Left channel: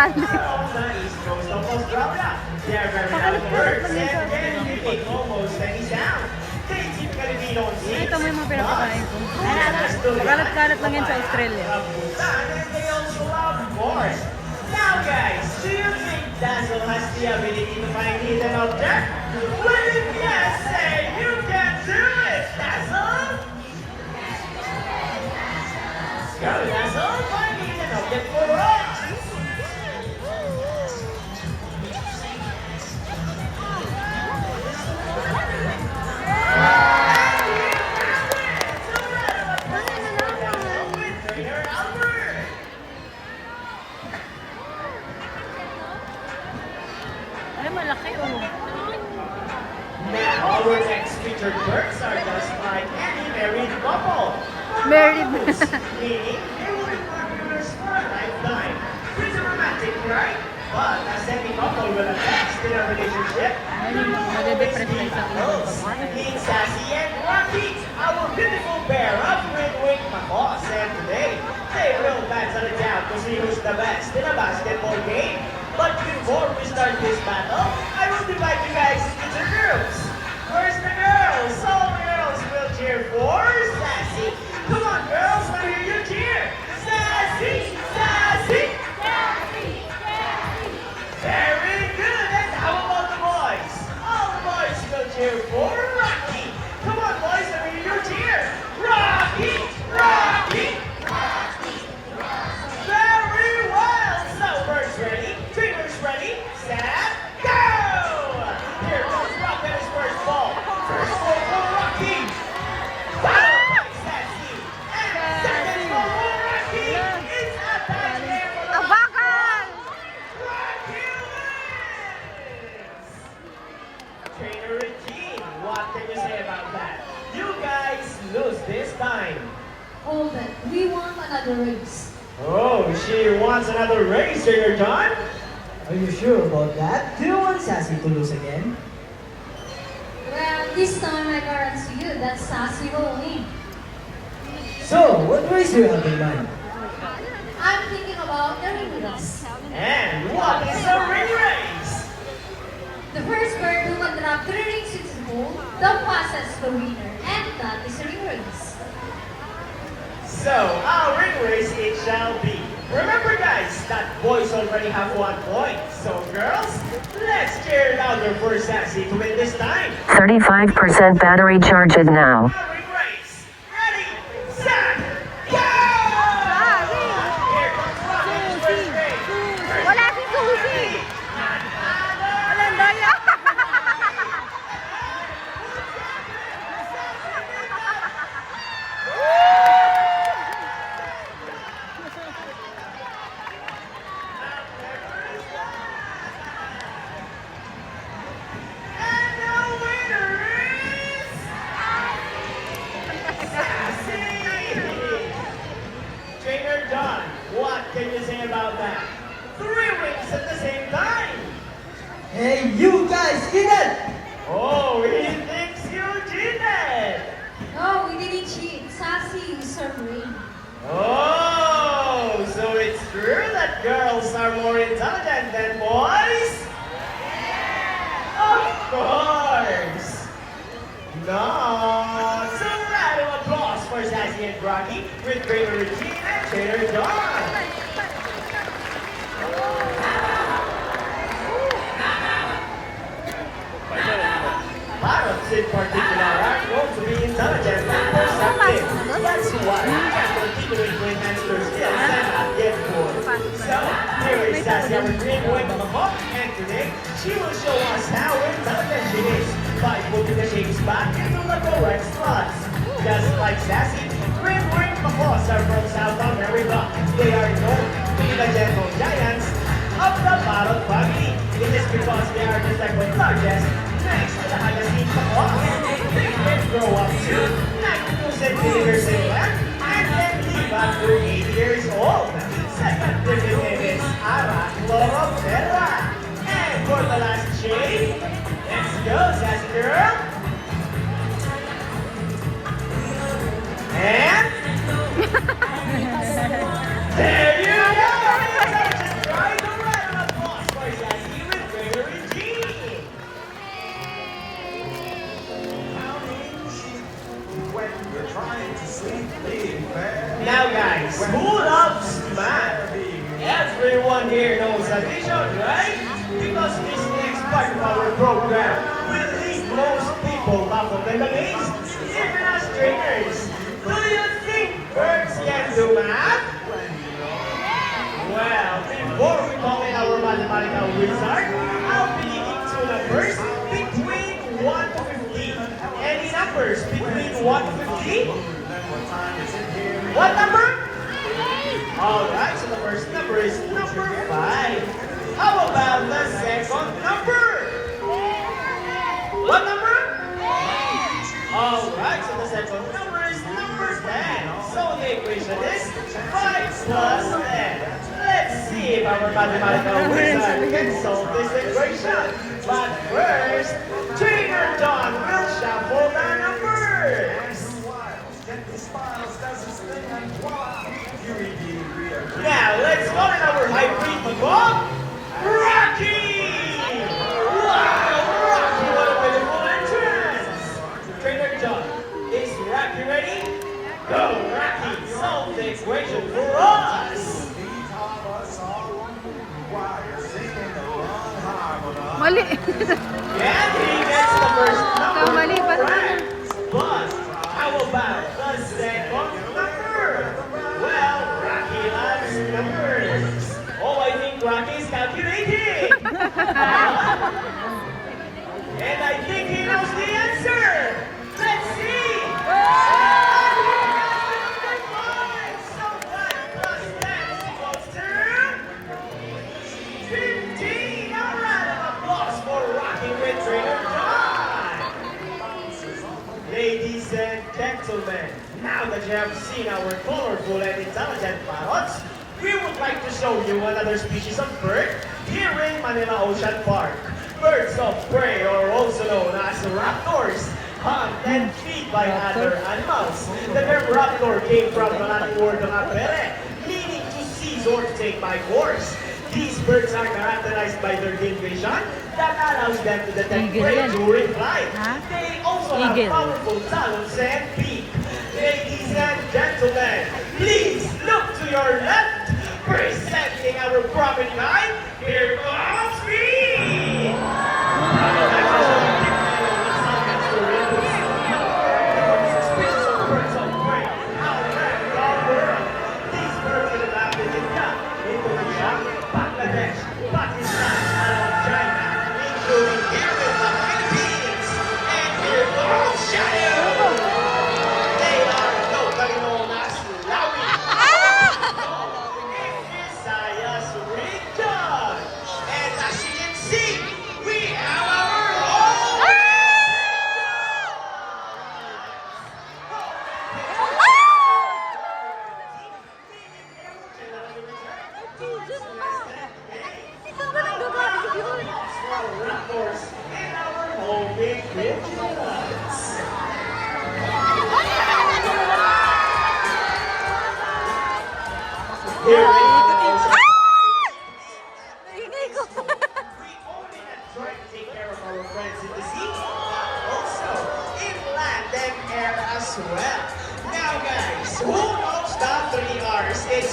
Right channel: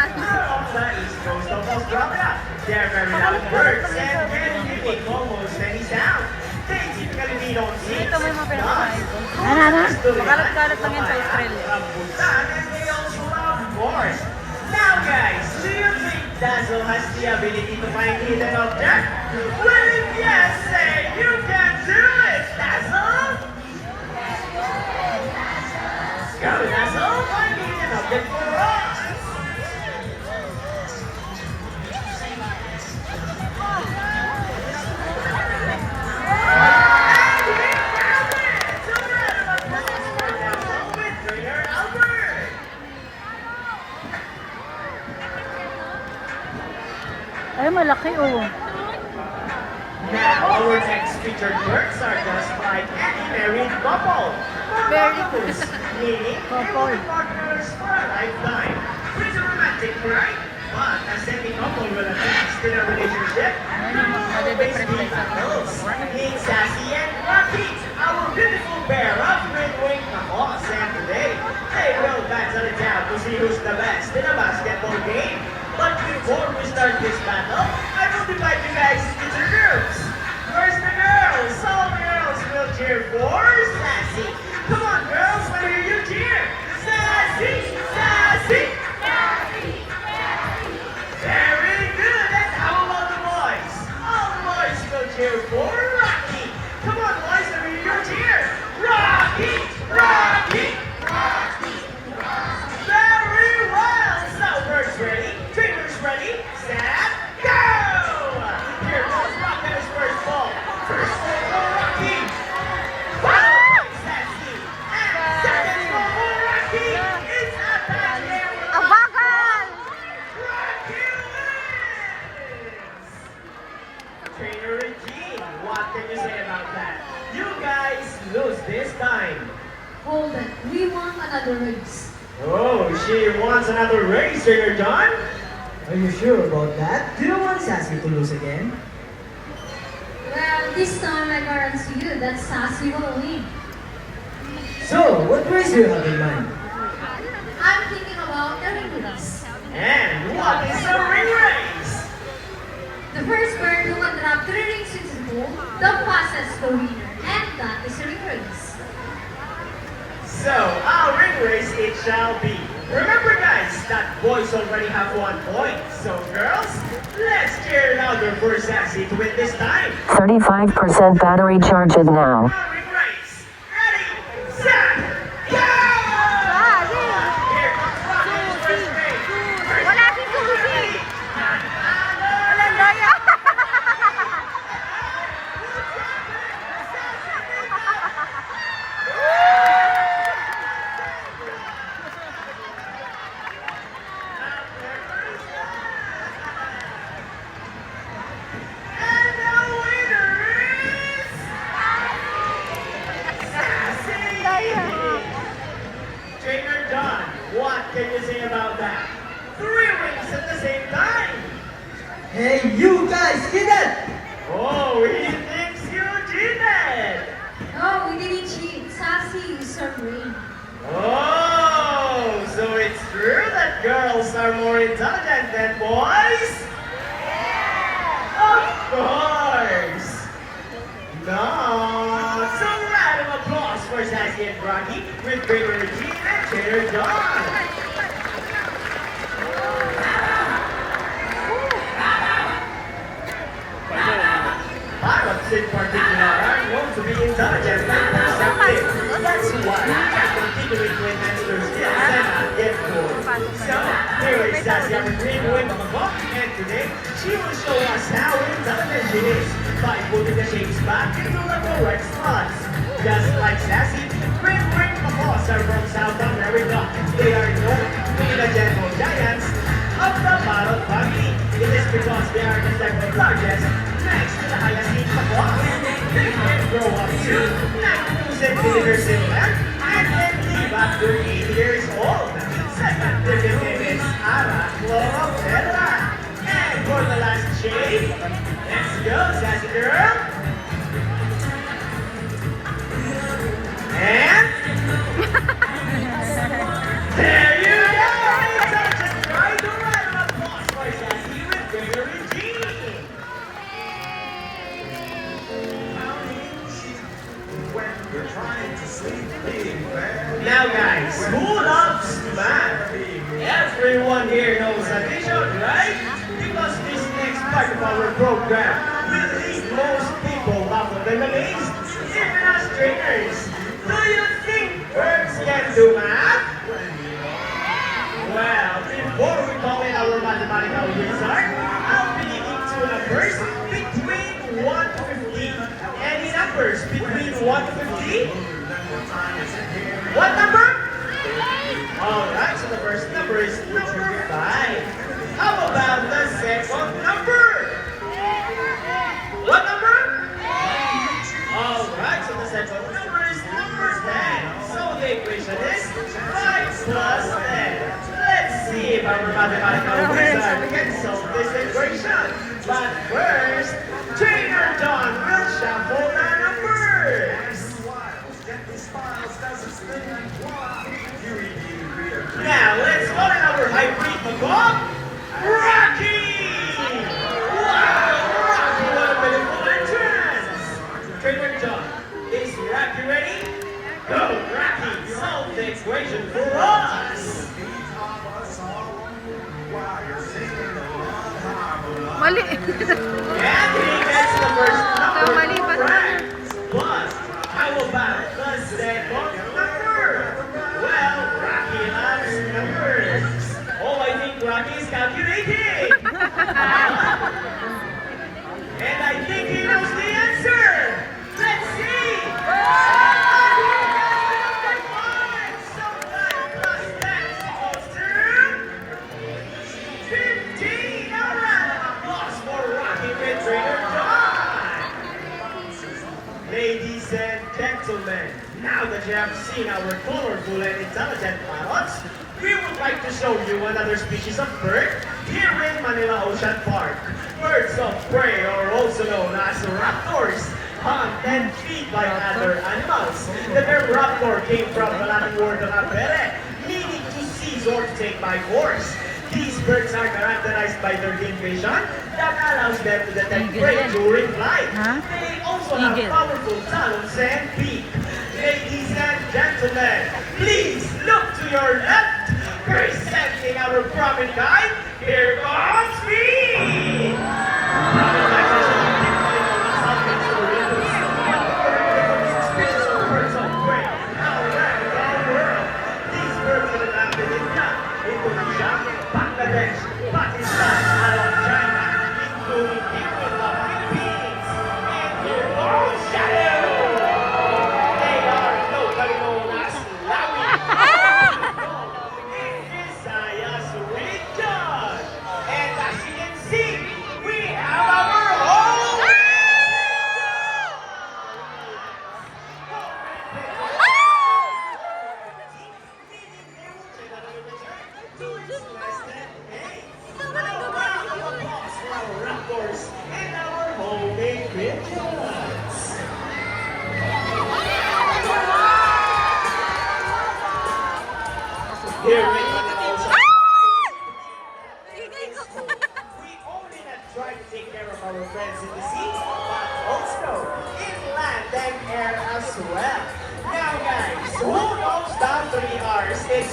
Sali. They are very loud birds and can mimic almost any sound. They typically don't sing. Ito may mabila ko na ito. Karat-karat lang yan sa Australia. Now guys, do you think Dazzle has the ability to find hidden object? Well, if yes, say you can do it, Dazzle! Go, Dazzle! Find the hidden object for us! Ay, malaki oh. Now, our next featured birds are just like any married couple. Married. Meaning, they will be partners for a lifetime. Pretty romantic, right? But as any couple will advance in a relationship, always be couples. Meet Sassy and Rocky, our beautiful pair of red-winged macaws. And today, they will battle it out to see who's the best in a basketball game. But before we start this battle, I will divide you guys into two groups. First the girls. All girls will cheer for Sassy. Come on, girls, let me hear you cheer. Sassy, Sassy. Very good. And how about the boys? All boys will cheer for Rocky. Come on, boys, let me hear you cheer. Rocky, Rocky. Very well. So, birds ready? Dreamers ready? Set, go! Here goes Rocket's first ball. First ball for Rocky. Followed by Sassy. And second ball for Rocky. It's a bad air with Abagal! Rocky wins! Trainer Regine, what can you say about that? You guys lose this time. Hold it. We want another race. Oh, she wants another race, Trainer John? Are you sure about that? Do you want Sassy to lose again? Well, this time I guarantee you that Sassy will win. So, what race do you have in mind? I'm thinking about the ring race. And what is the ring race? The first bird who will drop 3 rings into the bowl, the passes the winner, and that is the ring race. So, our ring race it shall be. Remember guys, that boys already have 1 point. So girls, let's cheer louder for Sassy to win this time. 35% battery charged now. Our ring race. Ready, set, go! Here comes Rocket's first race. Wala si Susie! Walang daya! And the winner is Sassy! Trainer John, what can you say about that? 3 rings at the same time. Hey, you guys, get that! Oh, he thinks you cheated. No, we didn't cheat. Sassy is her ring. Oh, so it's true that girls are more intelligent than boys? Of course. No. So round of applause for Sassy and Rocky with Trainer Regine and Trainer John. Pilots in particular are known to be intelligent and perceptive. That's why we can continually to enhance their skills and not get bored. So, here is Sassy after green wing of the book, and today she will show us how intelligent she is by putting the shapes back into the correct spots. Just like Sassy, green wing macaws are from South America. They are known to be the gentle giants of the parrot family. It is because they are the second largest next to the highest each macaws. They can grow up to 92 centimeters in length and then live after 8 years old. Scientific name is Arachloroptera. And for the last shade, let's go, Sassy girl. And there you go! Just right away! everyone here knows addition, right? Because this next part of our program will leave most people baffled and amazed, even as trainers. Do you think birds can do math? Well, before we call in our mathematical wizard, I'll be giving two numbers between 1 to 50. Any numbers between 1 to 50? What number? Alright, so the first number is number 5. How about the second number? What number? Alright, so the second number is number 10. So the equation is 5 plus 10. Let's see if our mathematical wizard can solve this equation. But first, Trainer John will shuffle the numbers. Now, let's go to our hybrid macaw, Rocky! Wow, Rocky, what a beautiful entrance! Trainer John, is Rocky ready? Go, Rocky, solve the equation for us! Mali. And he gets the first number Mali pa correct. But how about the second number? Well, Rocky loves numbers. Oh, I think Rocky's calculating. And I think he knows the answer. Let's see. And he gets number 5. So 5 plus 10 equals to 15. All right, an applause for Rocky with Trainer John. Ladies and gentlemen, now that you have seen our colorful and intelligent parrots, we would like to show you another species of bird here in Manila Ocean Park. Birds of prey, or also known as raptors, hunt and feed by other animals. The term raptor came from the Latin word rapere, meaning to seize or to take by force. These birds are characterized by their keen vision that allows them to detect prey during flight. They also have powerful talons and beak. Ladies and gentlemen, please look to your left. Presenting our prophet guide, here comes me!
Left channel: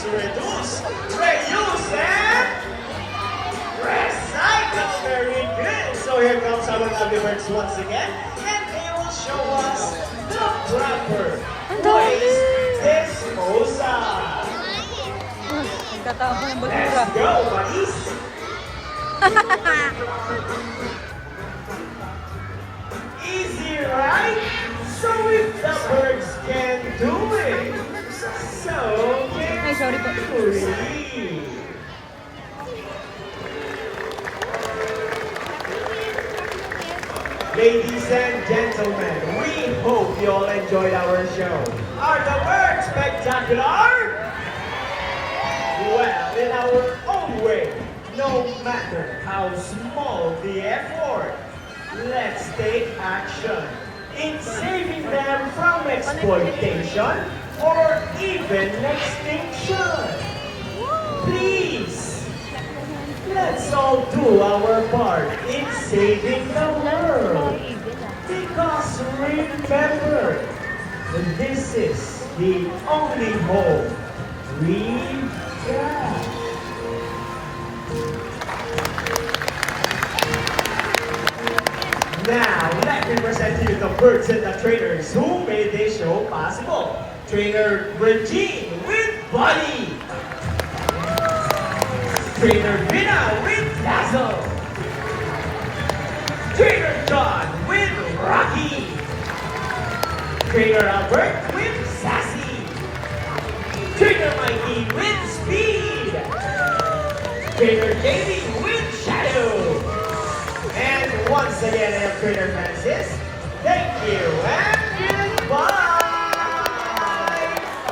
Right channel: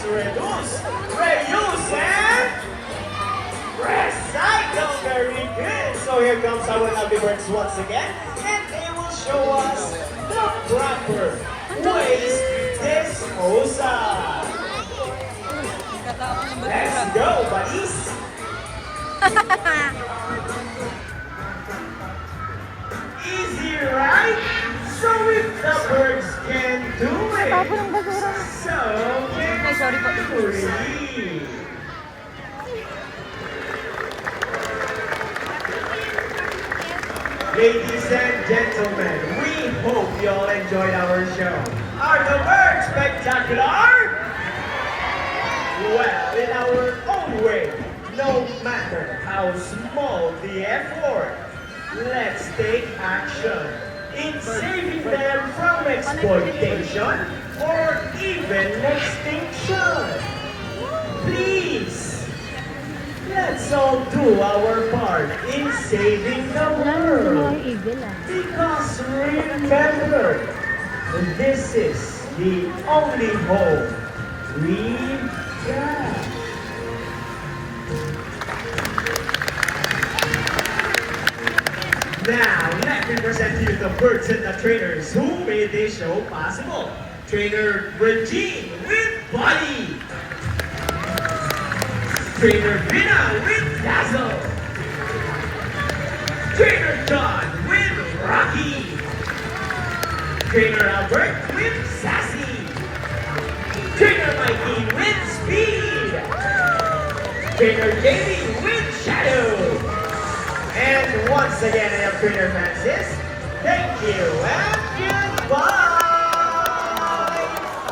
Reduce, and recycle. Very good. So here comes our lovely birds once again, and they will show us the proper place disposal. Let's go, buddies. Easy, right? So if the birds can do it, so can we. Ladies and gentlemen, we hope you all enjoyed our show. Are the birds spectacular? Well, in our own way, no matter how small the effort, let's take action in saving them from exploitation or even extinction. Please, let's all do our part in saving the world. Because remember, this is the only hope we've got. Now, let me present you the person and trainers who made this show possible. Trainer Regine with Body. Trainer Vina with Dazzle. Trainer John with Rocky. Trainer Albert with Sassy. Trainer Mikey with Speed. Trainer Jamie with Shadow. And once again, I have Trainer Francis. Thank you and goodbye.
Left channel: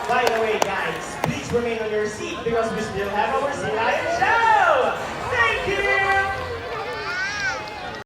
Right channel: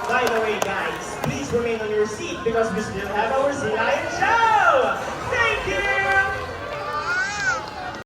By the way, guys, please remain on your seat because we still have our Silayan Show.